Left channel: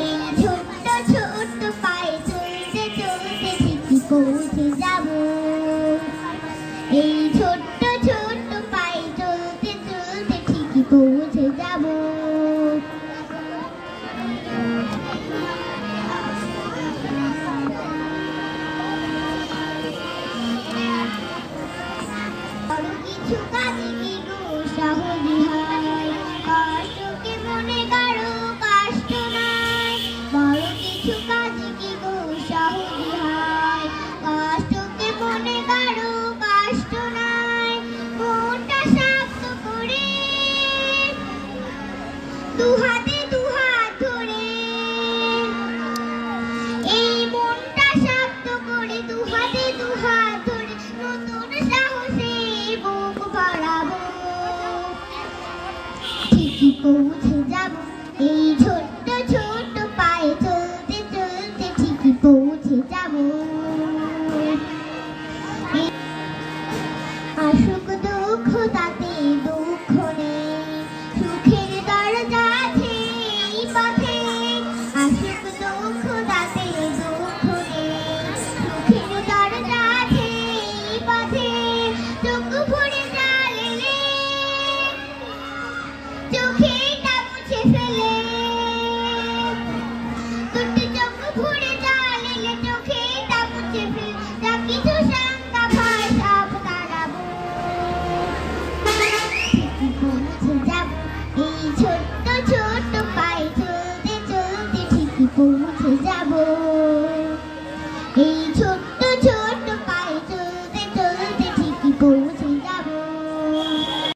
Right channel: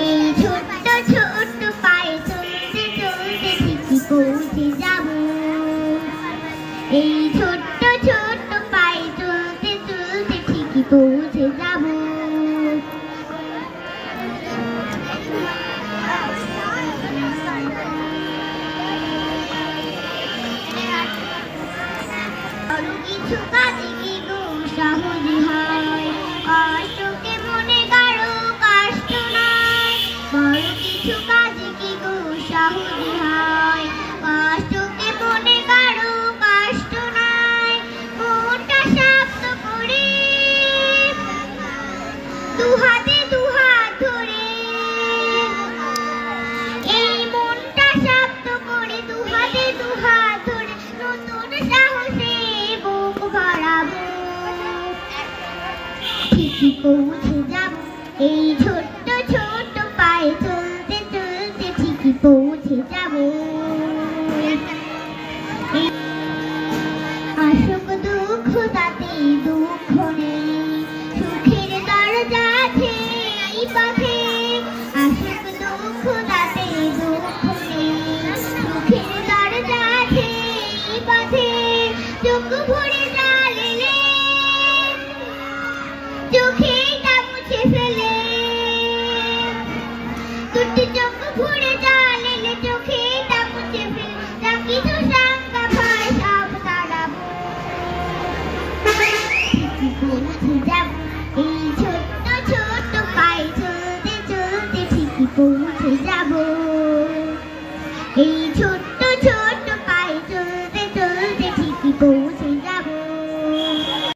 এই ছোট্ট ছোট্ট পায়ে চলতে চলতে ঠিকই পৌঁছে যাব। এই ছোট্ট ছোট্ট পায়ে চলতে চলতে ঠিকই পৌঁছে যাব। বড় কিছু কাজে কি গো সহজে হয়, কষ্টকে মনে কারো কষ্ট নাই। বড় কিছু কাজে কি গো সহজে হয়, কষ্টকে মনে কারো কষ্ট নাই। মনটা শক্ত করে দুহাতে দুহাত ধরে, এই মনটা শক্ত করে দুহাতে দুহাত ধরে নতুন সাহসে বুক ভরাবো। ঠিকই পৌঁছে যাব। এই ছোট্ট ছোট্ট পায়ে চলতে চলতে ঠিকই পৌঁছে যাব। আসুক দুঃখ তাতে দুঃখ নেই, সুখের দরজা আছে এই পথে। আসুক দুঃখ তাতে দুঃখ নেই, সুখের দরজা আছে এই পথে। চোখ ভরে জল এলে চোখেটা মুছে ফেলে, দুটি চোখ ভরে জল এলে চোখেটা মুছে ফেলে। যা কিছু শঙ্কা ভয় সব তাড়াবো। ঠিকই পৌঁছে যাব। এই ছোট্ট ছোট্ট পায়ে চলতে চলতে ঠিকই পৌঁছে যাব। এই ছোট্ট